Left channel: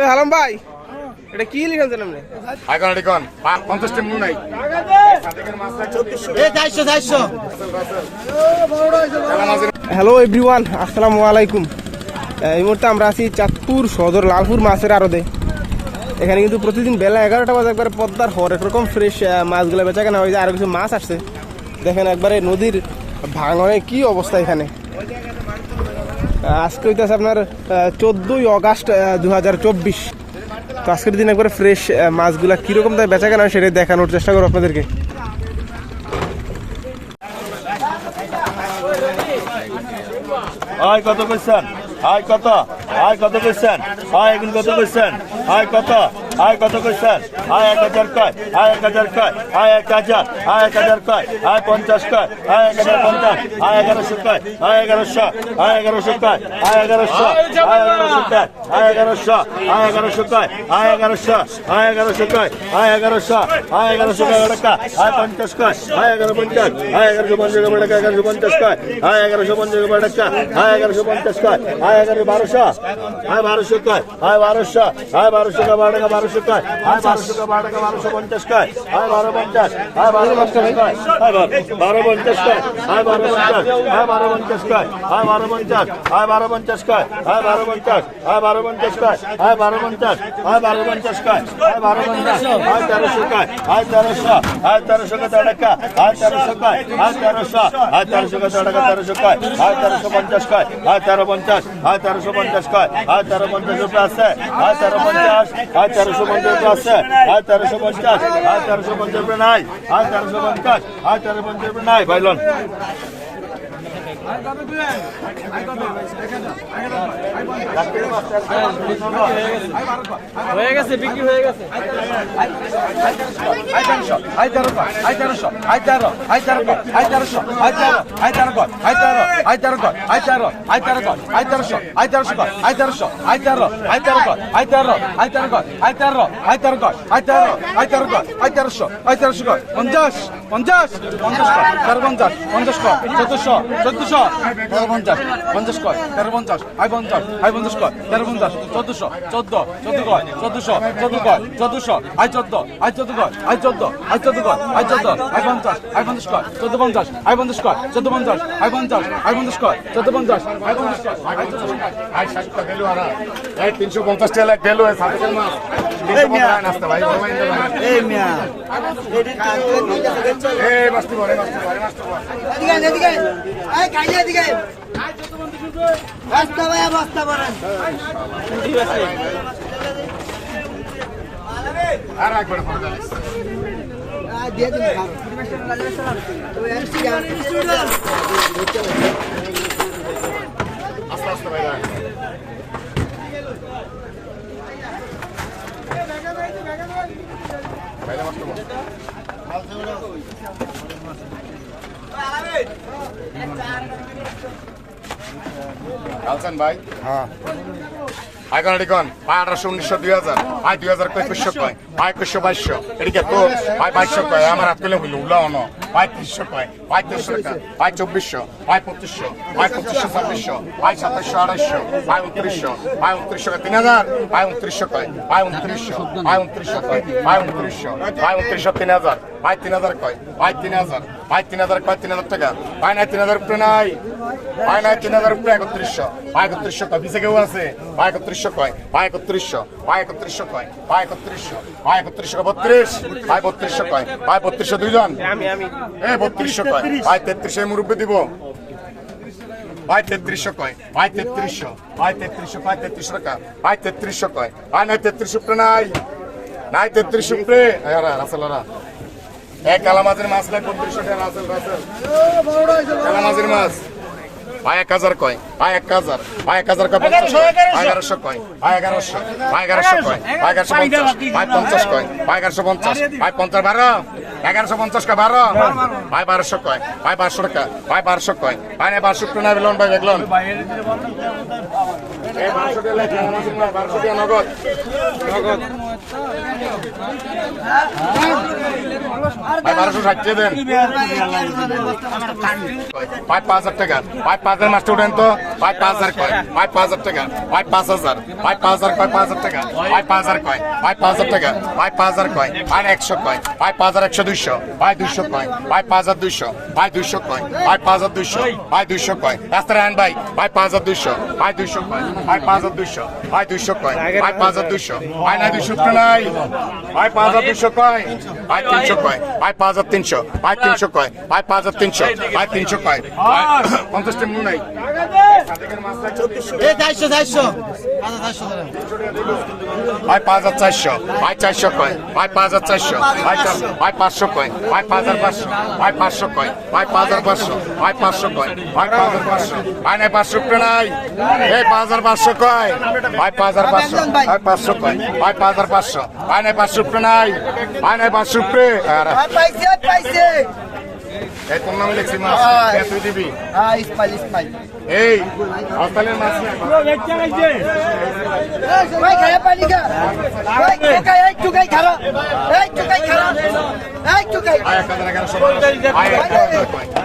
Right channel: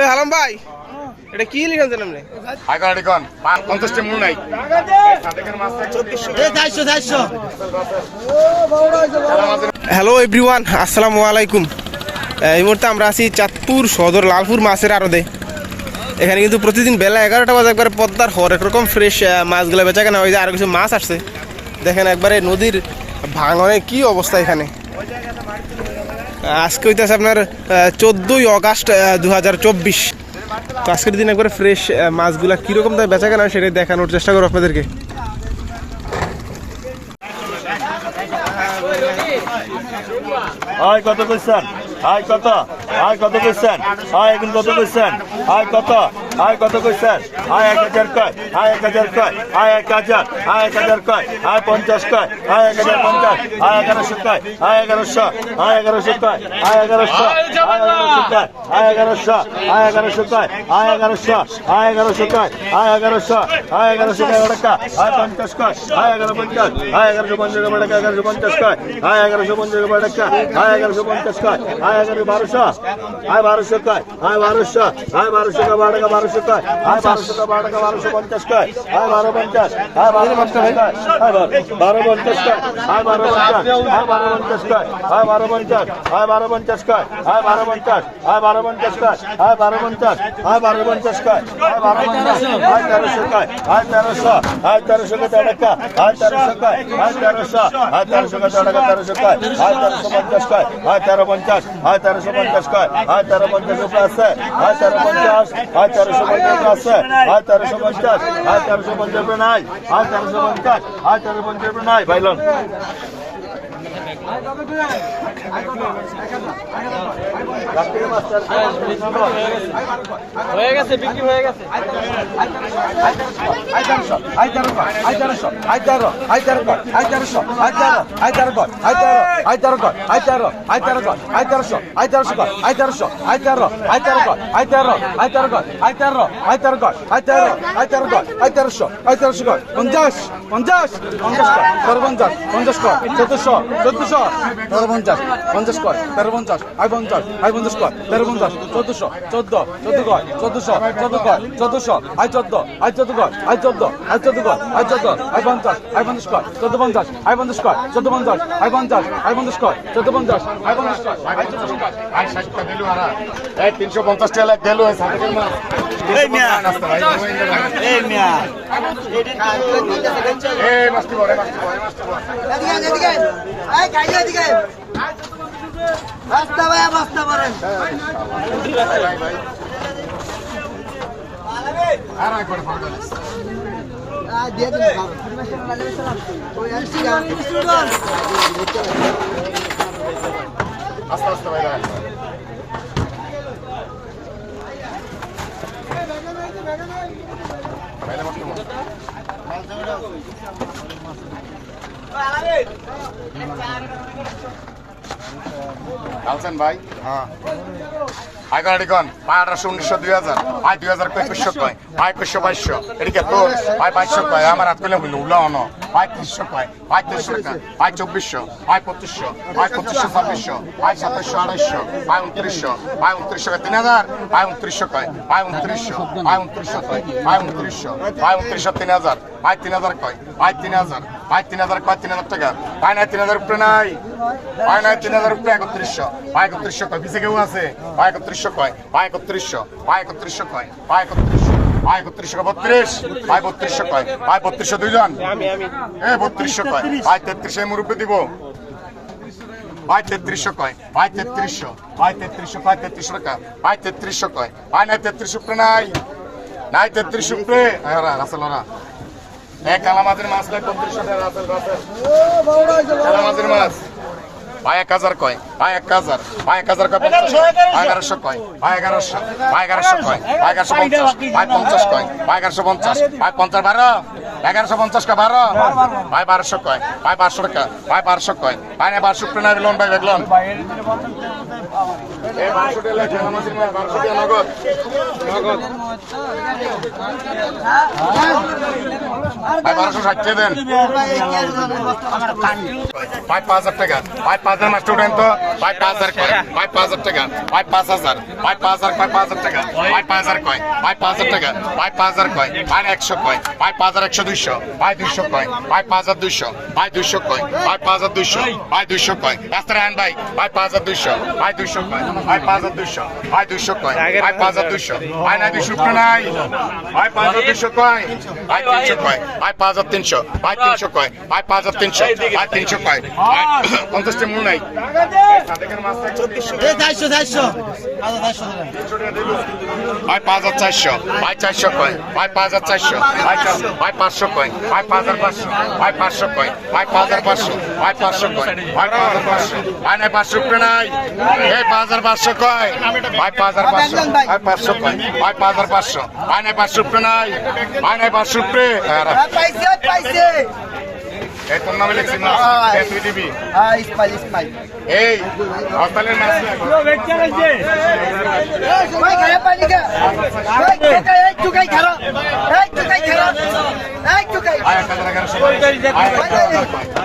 এ হালাম ভাই। এটা কি পঞ্চাশটি মূল নাই। হ্যালো এভরিওয়ান আসসালামু আলাইকুম। এই মুহূর্তে আমরা আছি চাঁদপুর সদর লালপুর মাছের আড়তে। এখানে কিন্তু প্রতিদিন বেলা এগারোটা বাজে একবারে পদ্মার হরেক রকম ফ্রেশ মাছগুলো বেচা কেনা হয়ে যায় আরও কিছু মাছ আসছে। দেখেন একবারে নদীর ভাঙনে কি অবস্থা এখানে। আজকে হইতেছে আপনার চোদ্দোই অগাস্ট দু হাজার চব্বিশ। তো আজকের দিন একবার ফ্রেশ মাছগুলা কীরকম তাই বেচা কেনা সেটাই দেখানোর চেষ্টা করব আপনাদেরকে। হাই, কত করছেন হাই, কত? হাই, কত করছেন এখন কত করছেন হাই, কত? হাই কত করছেন হাই এক হাজার কয় হাই এক হাজার কয় হাই এক হাজার হাই এক হাজার কয় হাই পঞ্চাশ কয় হাই এক হাজার পঞ্চাশ হাই এগারোশো কয় হাই এগারোশো হাই এগারোশো কয় হাই এগারোশো হাই এগারোশো কয় হাই এগারোশো হাই এগারোশো কয় হাই এগারোশো হাই এগারোশো কয় হাই এগারোশো হাই এগারোশো কয় টাকা হাই পঞ্চাশ কয় হাই এগারো পঞ্চাশ হাই এগারোশো পঞ্চাশ টাকা এগারোশো পঞ্চাশ কয় হাই এগারোশো পঞ্চাশ টাকা হাই এগারোশো পঞ্চাশ কয় হাই এগারো বারোশো হাই বারোশো কয় হাই বারোশো হাই বারোশো কয় বারো টাকা বারোশো কয় হাই বারোশো কয় বারো টাকা বারোশো পঞ্চাশ কয় হাই বারো পঞ্চাশ হাই বারো পঞ্চাশ কয় হাই বারো পঞ্চাশ কয় হাই বারো পঞ্চাশ হাই বারো পঞ্চাশ কয় হাই বারো পঞ্চাশ হাই বারো পঞ্চাশ কয় হাই বারো পঞ্চাশ হাই বারো পঞ্চাশ কয় হাই বারো পঞ্চাশ হাই বারো পঞ্চাশ কয় হাই বারো পঞ্চাশ হাই তেরোশো কয় হাই তেরোশো হাই তেরোশো কয় টাকা হাই তেরোশো কয় হাই তেরোশো হাই তেরোশো কয় টাকা তেরোশো কয় হাই তেরোশো পঞ্চাশ কয় হাই তেরো পঞ্চাশ হাই তেরোশো পঞ্চাশ কয় হাই তেরো পঞ্চাশ রুপে আছে হাই তেরো পঞ্চাশ হাই তেরোশো পঞ্চাশ আছে আর তেরোশো পঞ্চাশ হাই তেরোশো পঞ্চাশ নাই হাই তেরোশো পঞ্চাশ হাই তেরো পঞ্চাশ নাই ভাইলন হয়ে গেছে বিক্রি হয়ে গেছে আই তেরোশো আই তেরোশো আই তেরোশো আই তেরো আই তেরো আই তেরোশো আই তেরো আই তেরো আই তেরো আই তেরো আই তেরো আই তেরো আই তেরোশো আই তেরোশো আই তেরোশো আই তেরো আই তেরো আই তেরো আই তেরো আই তেরো আই তেরো আই তেরো আই তেরো আই তেরোশো আই তেরোশো পঞ্চাশ পঞ্চাশ পঞ্চাশ পঞ্চাশ পঞ্চাশ কয় চোদ্দশো চোদ্দশো তেরো পঞ্চাশ পঞ্চাশ কয় তেরো পঞ্চাশ আই পঞ্চাশ আই পঞ্চাশ কয় তেরো পঞ্চাশ চোদ্দশো চোদ্দ চোদ্দ কয় চোদ্দশো চোদ্দ কয় চোদ্দশো আই চোদ্দ আই চোদ্দ কয় আই চোদ্দ আই চোদ্দ কয় আই চোদ্দ আই পঞ্চাশ আই পঞ্চাশ কয় চোদ্দ পঞ্চাশ আই পঞ্চাশ কয় চোদ্দ পঞ্চাশ আই পঞ্চাশ আই পঞ্চাশ কয় চোদ্দ পঞ্চাশ আই পঞ্চাশ কয় আই পঞ্চাশ কয়। আই ষাটটা দিলু হারা এই তিনশো পঞ্চাশ টাকা এই মিয়া। নাস্তা ভাই এই মিয়া। এই মাছটি বড় মাছটি বড়। মাছটি বড় এদিকে এদিকে এই বাস্তা ভাইয়া বাস্তা পারেন আর একবার দিয়ে দিন। আস্তে আস্তে ভাইয়া ভাইয়া। আচ্ছা, আচ্ছা। আলসান ভাই? হ্যাঁ। ভাই আঠারোশো উনিশশো দুই হাজার ভাই দুই হাজার একুশশো কয়? ভাই একুশশো বাইশশো। এদিকে তোর, ভাই, বাইশশো কয়? আমার হাত তুলে হইল উল্লা অন। ভাই তিরিশশো কয়? ভাই তিরিশশো টাকা ভাই, চব্বিশশো। ভাই, পঁচিশশো। ভাই, পঁচিশশো, ছাব্বিশশো। ভাই, সাতাশশো আড়াইশো ভাই, উনত্রিশশো। ভাই, উনত্রিশশো কয়? তিন হাজার ভাই, উনত্রিশশো কয়? ভাই, উনত্রিশশো। ভাই, উনত্রিশশো কয়? ভাই, উনত্রিশশো। ভাই, উনত্রিশশো তিন হাজার ভাই তিন হাজার কয়? ভাই তিন হাজার ভাই তিন হাজার কয়? তিন হাজার টাকা। ভাই, নাই তিন হাজার উপরে নাই। ভাই, নাই তিন হাজার উপরে একত্রিশশো। ভাই, একত্রিশশো কয়? পিছিয়ে কেউ আছে? ভাই একত্রিশশো কয়? ভাই একত্রিশশো ভাই একত্রিশশো কয়? ভাই একত্রিশশো ভাই একত্রিশশো কয়? বত্রিশ। ভাই বত্রিশশো কয়? ভাই বত্রিশশো দুইজন? এ বত্রিশশো কয়? ভাই তেত্রিশে মুরব্বী দিব। ভাই তেত্রিশশো কয়? ভাই তেত্রিশশো। ভাই তেত্রিশশো ভাই তেত্রিশশো টাকা। ভাই তেত্রিশশো কয়? ভাই নাই তেত্রিশ উপরে নাই। নাই তেত্রিশ উপরে। রাসেলরা এক কালামাজের মাছ নাই বত্রিশশো রাসেল রাসেল। কালামাজের মাছ। ভাই এক হাজার কয়? ভাই এক হাজার। ভাই এক হাজার কয়? এগারোশো কয়? ভাই এগারোশো ভাই এগারোশো। কয়? ভাই এগারোশো পঞ্চাশ। ভাই পঞ্চাশ কয়? ভাই এগারোশো পঞ্চাশ। ভাই পঞ্চাশ বারো? এগারোশো পঞ্চাশ কয় বারো? ভাই বারোশো কয়? ভাই বারোশো টাকা ভাই বারোশো কয়? ভাই না বারোশো টাকা বেলন ভাই দেখলাম বারোশো টাকা নগদ। নগদ। ভাই বারোশো ষাট দেন। ভাই পাঁচ হাজার টাকা। ভাই পাঁচ পাঁচের মাস্টার উঠেন তো ভাই পাঁচ হাজার কয় ভাই পাঁচ হাজার টাকা ভাই পাঁচ হাজার ভাই পাঁচ হাজার কয় পাঁচ হাজার টাকা ভাই পাঁচ হাজার কয় ভাই পাঁচ হাজার টাকা ভাই পাঁচ হাজার কয় ভাই একশো কয় ভাই পাঁচ হাজার একশো দুইশো ভাই দুইশো কয় ভাই পাঁচ হাজার দুইশো ভাই দুইশো কয় ভাই পাঁচ হাজার দুইশো ভাই দুইশো কয় রাস্তা রান ভাই ভাই পাঁচ হাজার দুইশো ভাই দুইশো কয় ভাই পাঁচ হাজার দুইশো ভাই দুইশো কয় ভাই পাঁচ হাজার দুইশো ভাই নাই দুইশো নাই ভাই পাঁচ হাজার দুইশো কয় ভাই তিনশো কয় ভাই পাঁচ হাজার তিনশো ভাই তিনশো কয় ভাই পাঁচ হাজার তিনশো ভাই তিনশো কয় পঞ্চাশটা নাই। ভাই পাঁচ হাজার চারশো। ভাই চারশো কয়। ভাই পাঁচ হাজার চারশো। ভাই পাঁচশো কয়। ভাই পাঁচ হাজার পাঁচশো। ভাই পাঁচশো কয়। ভাই পাঁচ হাজার পাঁচশো। ভাই পাঁচশো কয়। ভাই পাঁচ হাজার পাঁচশো। ভাই নাই পাঁচশো নাই। এই পাঁচ হাজার পাঁচশো কয়। ভাই পাঁচ হাজার পাঁচশো। ভাই পাঁচশো কয়। ভাই পাঁচ হাজার পাঁচশো। ভাই নাই পাঁচশো নাই। ভাই নাই পাঁচশো উপরে পাইছে পাইছে। এই তোর নামে লিখছি না। এই তুই দিবি হ্যাঁ ইসমাইল ইসমাইল। এই হস্তালের মাছ ভাই খারাপ পানি কা এই টুকাই এই টুকাই খারাপ এই টুকাই খারাপ এই টুকাই আয় এক হাজার এগারোশো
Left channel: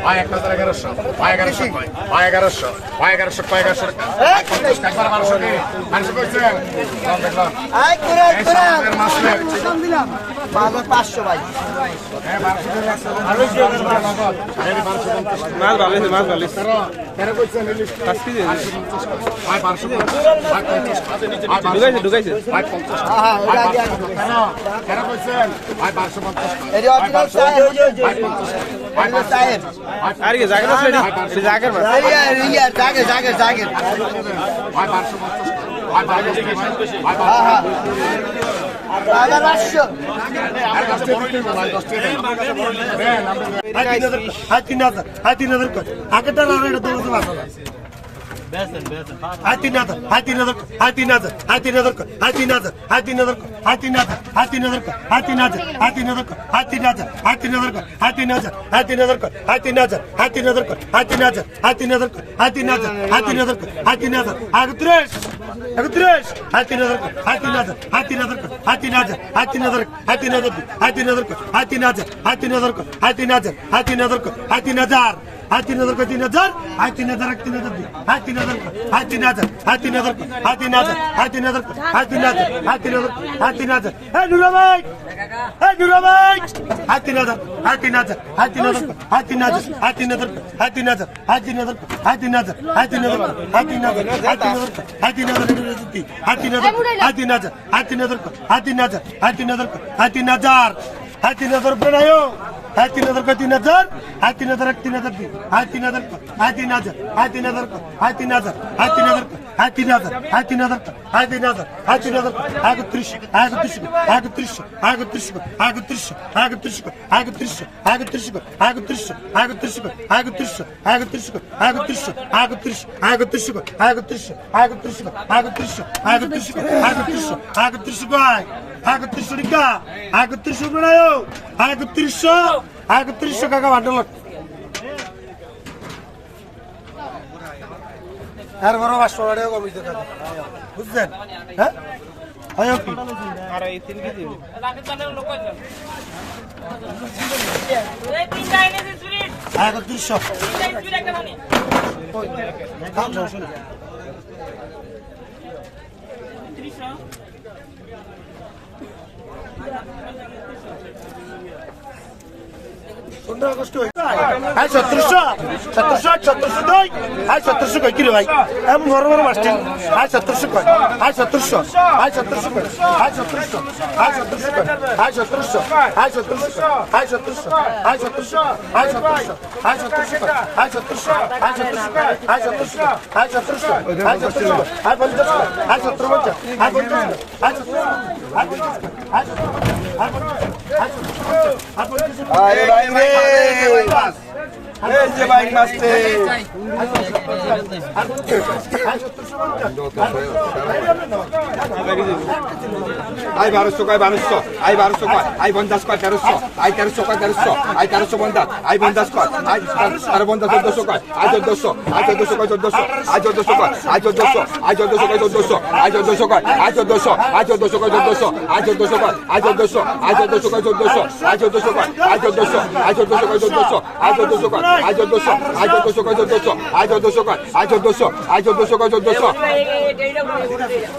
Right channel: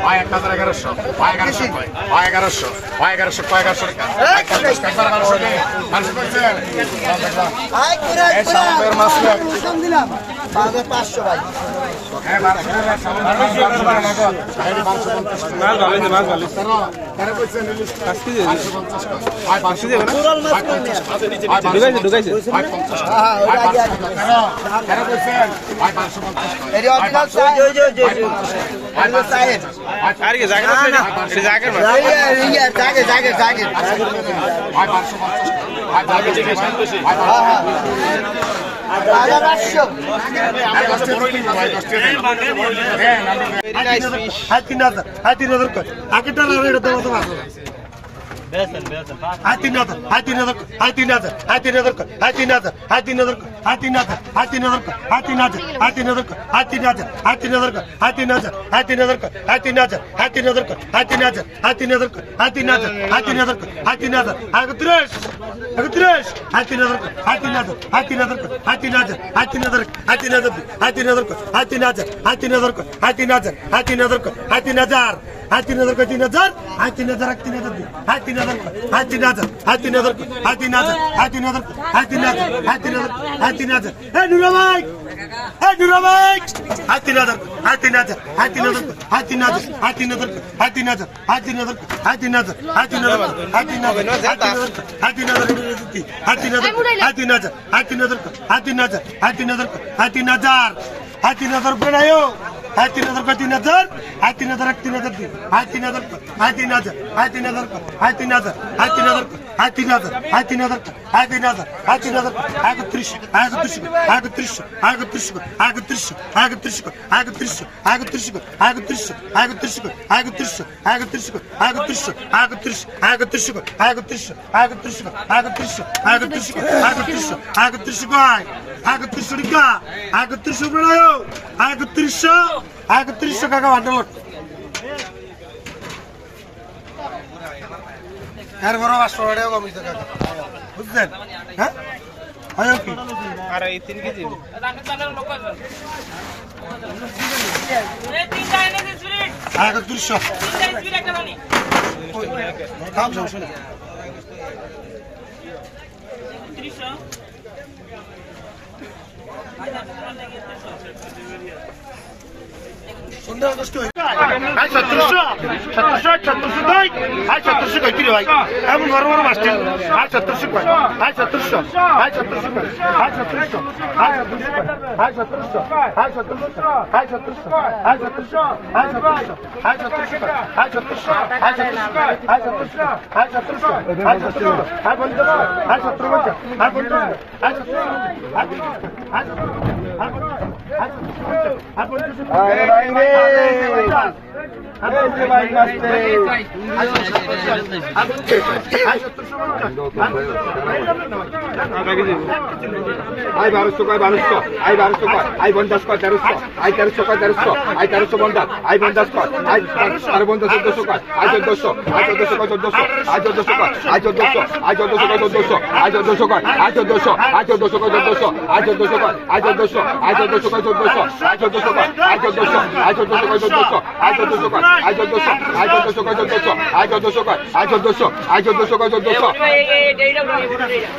আয় এক হাজার এগারোশো আয় এগারোশো আয় এগারোশো আয় এগারোশো কয়। এগারোশো আয় পঞ্চাশ কাঁচার এগারোশো নেই মানুষ করছে দেখলাম এই কুরাত এই সামনের মাছ নেই। কুরাত কম দিলাম বাজার পাঁচশো ভাই হ্যাঁ বারোশো টাকা বারোশো টাকা নগদ এই বারোশো পঞ্চাশ মাছ ভালো হয়েছে মাছ ভালো তেরো তেরো করছেন পাঁচ কেজি বারোশো পঞ্চাশ আয় বারোশো আয় পঞ্চাশ আয় ঢুকাইছে ঢুকাইছে আয় পঞ্চাশ আয় বারোশো তেরো তেরো করছেন আয় বারোশো পঞ্চাশ এর অরিজিনাল সাহেব সাহেব আর কি জায়গা আছে সে জায়গার মাছ ইয়া বারো পাঁচশো ভাই জাগের জাগের জাগের আটত্রিশ Very nice fish. হাই তিন হাজার হাই তিন হাজার কর আগেটা না এটা তোমার তোমার হাই তিন হাজার হাই তিন হাজার হাই তিন হাজার হাই তিন হাজার কর হাই তিন হাজার হাই তিন হাজার কর হাই তিন হাজার হাই তিন হাজার কর হাই তিন হাজার হাই তিন হাজার কর হাই তিন হাজার হাই তিন হাজার কর হাই তিন হাজার হাই তিন হাজার কর হাই তিন হাজার হাই তিন हा तीन हज़ार हाथी तीन हज़ार हा तीन हज़ार हा तीन हज़ार हा तीन हज़ार हा तीन हज़ार हा हज़ार रुपये হাজার কর হাই তিন হাজার হাই তিন হাজার কর হাই তিন হাজার হাই তিন হাজার হাই তিন হাজার হাই তিন হাজার কর হাই তিন হাজার হাই তিন হাজার কর হাই তিন হাজার হাই তিন হাজার কর হাই তিন হাজার হাই তিন হাজার কর তিন হাজার হাই তিন হাজার এক তিন হাজার দি হাই তিন হাজার কর হাই তিন হাজার হাই তিন হাজার কর হাই তিন হাজার হাই তিন হাজার কর হাই তিন হাজার হাই তিন হাজার হাই তিন হাজার হ্যাঁ নুরা ভাই হ্যাঁ একত্রিশশো টিকা একত্রিশশো প্রণয় একত্রিশশো একত্রিশশো কাকা বান্ডেল এরপরে পাঁচশো টাকা কমিয়েছে কাকা Panie সতেরোশো সতেরোশো সতেরোশো দুই আর সতেরোশো কই কিরে ভাই আমি বড় বড় মাস্টার আর সতেরোশো কই আর সতেরোশো আর সতেরোশো কই আর সতেরোশো আর সতেরোশো কই আর সতেরোশো আর সতেরোশো আর সতেরোশো আর সতেরোশো আর সতেরোশো আর সতেরোশো কই আর সতেরোশো আর সতেরোশো আর সতেরোশো আর সতেরোশো আর সতেরোশো আর পঞ্চাশ আর সতেরো পঞ্চাশ আর পঞ্চাশ আর সতেরো আর পঞ্চাশ আর সতেরো আর পঞ্চাশ আর সতেরো अरे আই বারোশো কয় বারোশো আই বারোশো কয় আই পঞ্চাশ কয় তেরোশো আই তেরোশো কয় তেরোশো আই তেরোশো পঞ্চাশ আই পঞ্চাশ কয় আই তেরো পঞ্চাশ চোদ্দশো কয় আই চোদ্দশো আই চোদ্দশো কয় চোদ্দশো আই চোদ্দশো কয় আই চোদ্দশো আই চোদ্দশো কয় চোদ্দশো আই চোদ্দশো কয় আই চোদ্দশো আই চোদ্দশো কয় চোদ্দশো আই চোদ্দশো কয় আই চোদ্দশো আই চোদ্দশো কয় চোদ্দশো আই চোদ্দশো কয় আই চোদ্দশো আই চোদ্দশো কয় চোদ্দশো আই চোদ্দশো কয় আইজো দোসো আইজো দোসো কইজো দোসো আইজো দোসো কই আইজো দোসো আইজো দোসো কইজো দোসো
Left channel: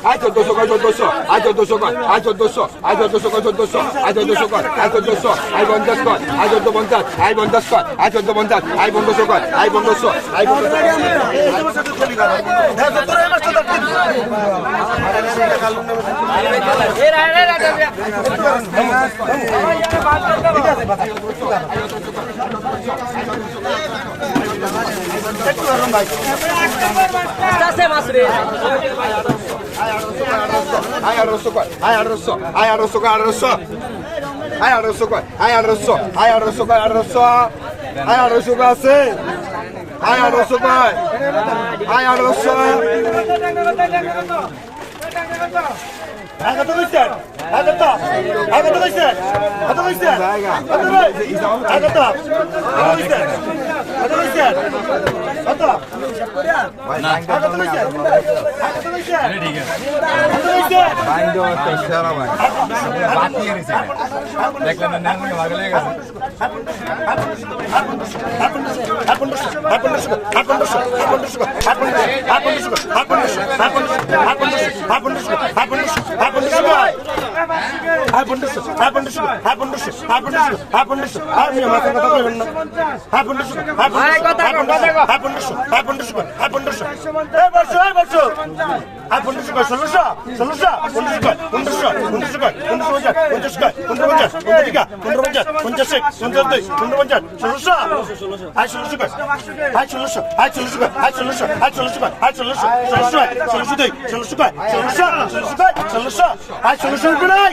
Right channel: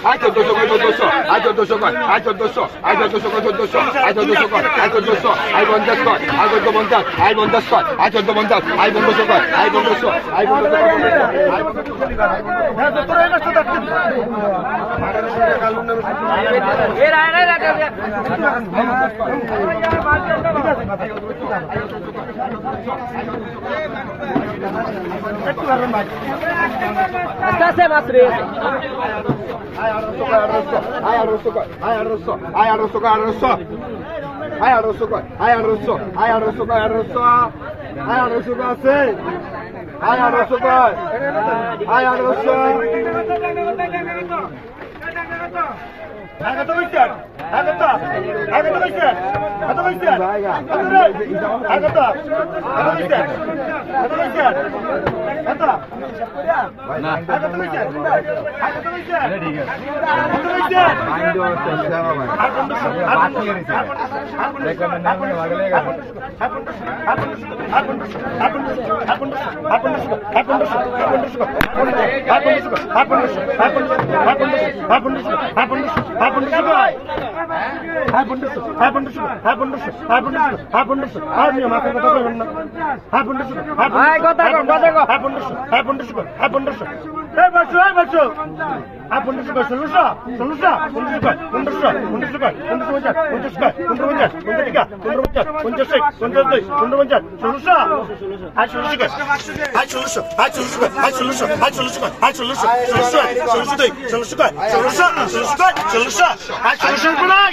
আইজো দোসো কইজো দোসো আইজো দোসো কই আইজো দোসো আইজো দোসো কইজো দোসো আইজো দোসো কই আইজো দোসো আই বন্দাস কই আইজো দো বন্দাস আই বন্দাস কই আইজো দো বন্দাস আই বন্দাস কই আই বন্দাস আই বন্দাস আই বন্দাস কই আইজো দোসো কই আস্তে আস্তে মাছ রে আয় আড়শো কয় আয় আড়শো আয় আড়শো কয় আড়শো আয় আড়শো কয় আয় আড়শো আয় আড়শো কয় আড়শো আয় আড়শো কয় আছে আয় আড়শো কয় আয় আড়শো দেখলেন হ্যাঁ হ্যাঁ পনেরোশো হ্যাঁ পনেরোশো হ্যাঁ পনেরোশো হ্যাঁ পনেরোশো হ্যাঁ পনেরোশো হ্যাঁ আপনি মাথা কথা বলবেন না হ্যাঁ পনেরোশো হ্যাঁ পনেরোশো হ্যাঁ পনেরোশো হ্যাঁ পনেরোশো হ্যাঁ পনেরোশো হ্যাঁ বসো হ্যাঁ বসো হ্যাঁ পনেরোশো কয় ষোলোশো ষোলোশো পনেরোশো পনেরোশো পনেরোশো কয় পনেরোশো কয় পঞ্চাশ পঞ্চাশ পঞ্চাশ পঞ্চাশ পঞ্চাশ পনেরো পঞ্চাশ ষোলোশো হ্যাঁ ষোলোশো কয় হ্যাঁ ষোলোশো হ্যাঁ ষোলোশো কয় হ্যাঁ ষোলোশো হ্যাঁ ষোলোশো কয় হ্যাঁ ষোলোশো ষোলোশো ষোলোশো দুই ষোলোশো কয় ষোলোশো ষোলোশো কয় ষোলোশো হ্যাঁ ষোলোশো কয়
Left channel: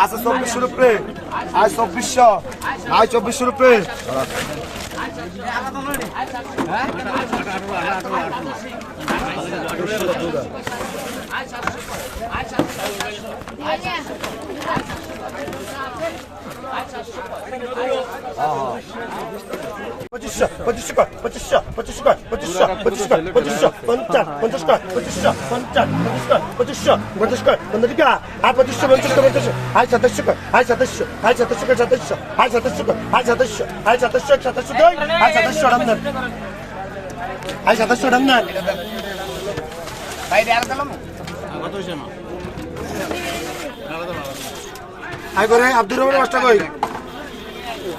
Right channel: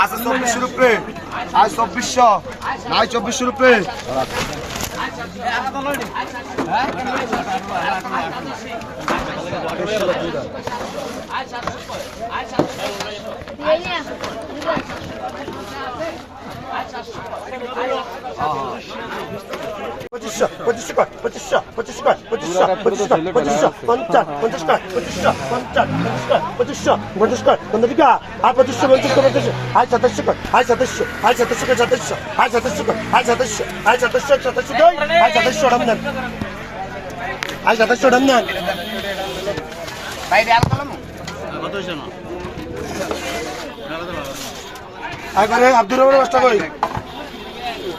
আজ চব্বিশশো রুপে আজ চব্বিশশো আজ চব্বিশশো রুপে হ্যাঁ পঁচিশশো পঁচিশশো কয় পঁচিশশো পঁচিশশো কয় পঁচিশশো পঁচিশশো কয় পঁচিশশো পঞ্চাশ পঞ্চাশ কয় পঁচিশশো, পঞ্চাশ পঞ্চাশ কয় পঁচিশশো, পঞ্চাশ কয় পঞ্চাশ আর পঁচিশশো, পঞ্চাশ কয় পঞ্চাশ আয় সাতাশশো কয় আয় সাতাশশো আয় সাতাশশো কয় সাতাশশো আয় সাতাশশো কয় আয় সাতাশশো আয় সাতাশশো সাতাশশো কয় আয় সাতাশশো রামদান আয় সাতাশশো রামদান আয় আরেকবার আব্দুর রহমানের রাস্তা কই?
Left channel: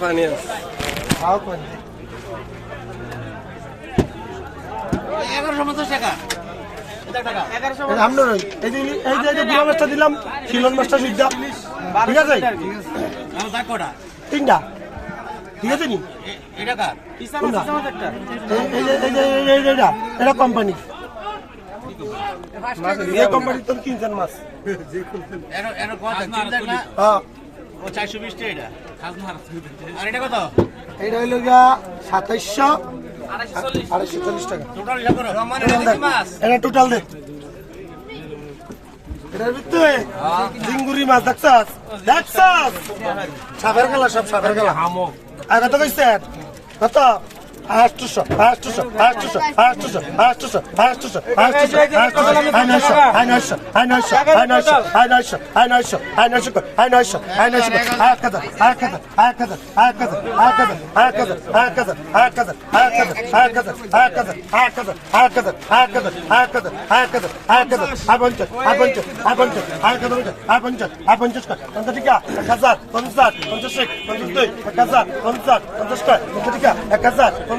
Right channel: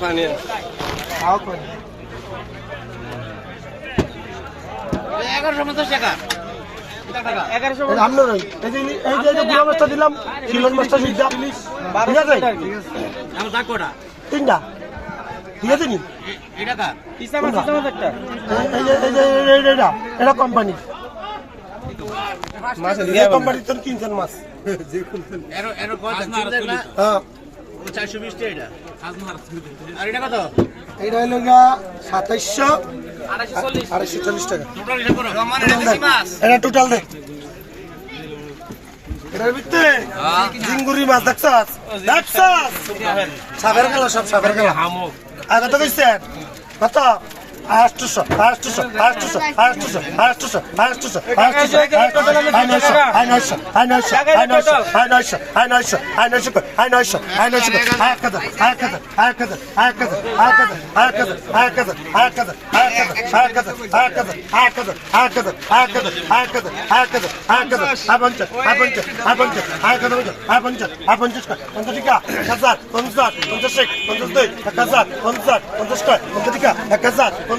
পানি খাও পানি। এই যে এই যে দিলাম এই এটা কোম্পানি মাছ যে হ্যাঁ। মাছ? যে হইল গা 2700 2840 টাকা। এটা টোটাল দে। এটার মাছ দেখছাস? দেখছাস? সাপের গেলা সব সাপের গেলা আদা তো কত? হাজার আয় এক হাজার আয় এক হাজার আয় এক হাজার আয় এক হাজার আয় এক হাজার আয় এক হাজার আয় এক হাজার আয় এক হাজার আয় এক হাজার আয় এক হাজার আয় এক হাজার আয় এক হাজার আয় এক হাজার আয় এক হাজার আয় পঞ্চাশ আয় পঞ্চাশ আয় পঞ্চাশ আয় এক হাজার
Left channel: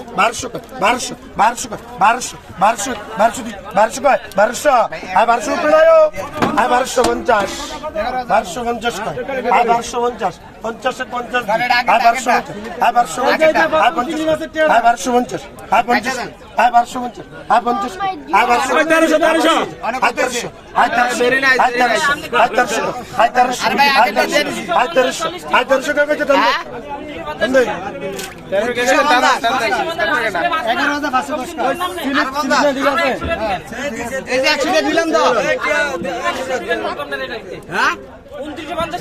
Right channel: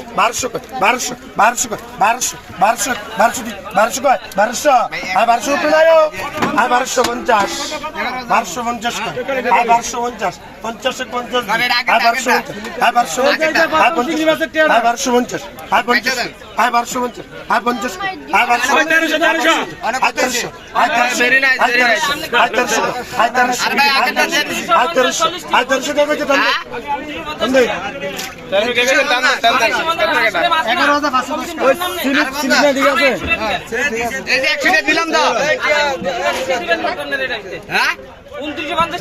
বারোশো বারোশো বারোশো বারোশো বারোশো বারোশো বারোশো কয়, বারোশো। আয় বারোশো নয় আয় বারোশো পঞ্চাশ। বারোশো পঞ্চাশ কয় আয় বারোশো পঞ্চাশ। পঞ্চাশে পঞ্চাশ আয় বারোশো আয় বারোশো আয় পঞ্চাশ আয় বারোশো পঞ্চাশ আয় পঞ্চাশ আয় বারোশো পঞ্চাশ আয় পঞ্চাশ আয় বারোশো তেরোশো আয় তেরোশো আয় তেরোশো আয় তেরোশো আয় তেরোশো আয় তেরোশো আয় তেরোশো আয় তেরোশো আয় তেরোশো টাকা কেটে টানবে উনত্রিশে পঞ্চাশ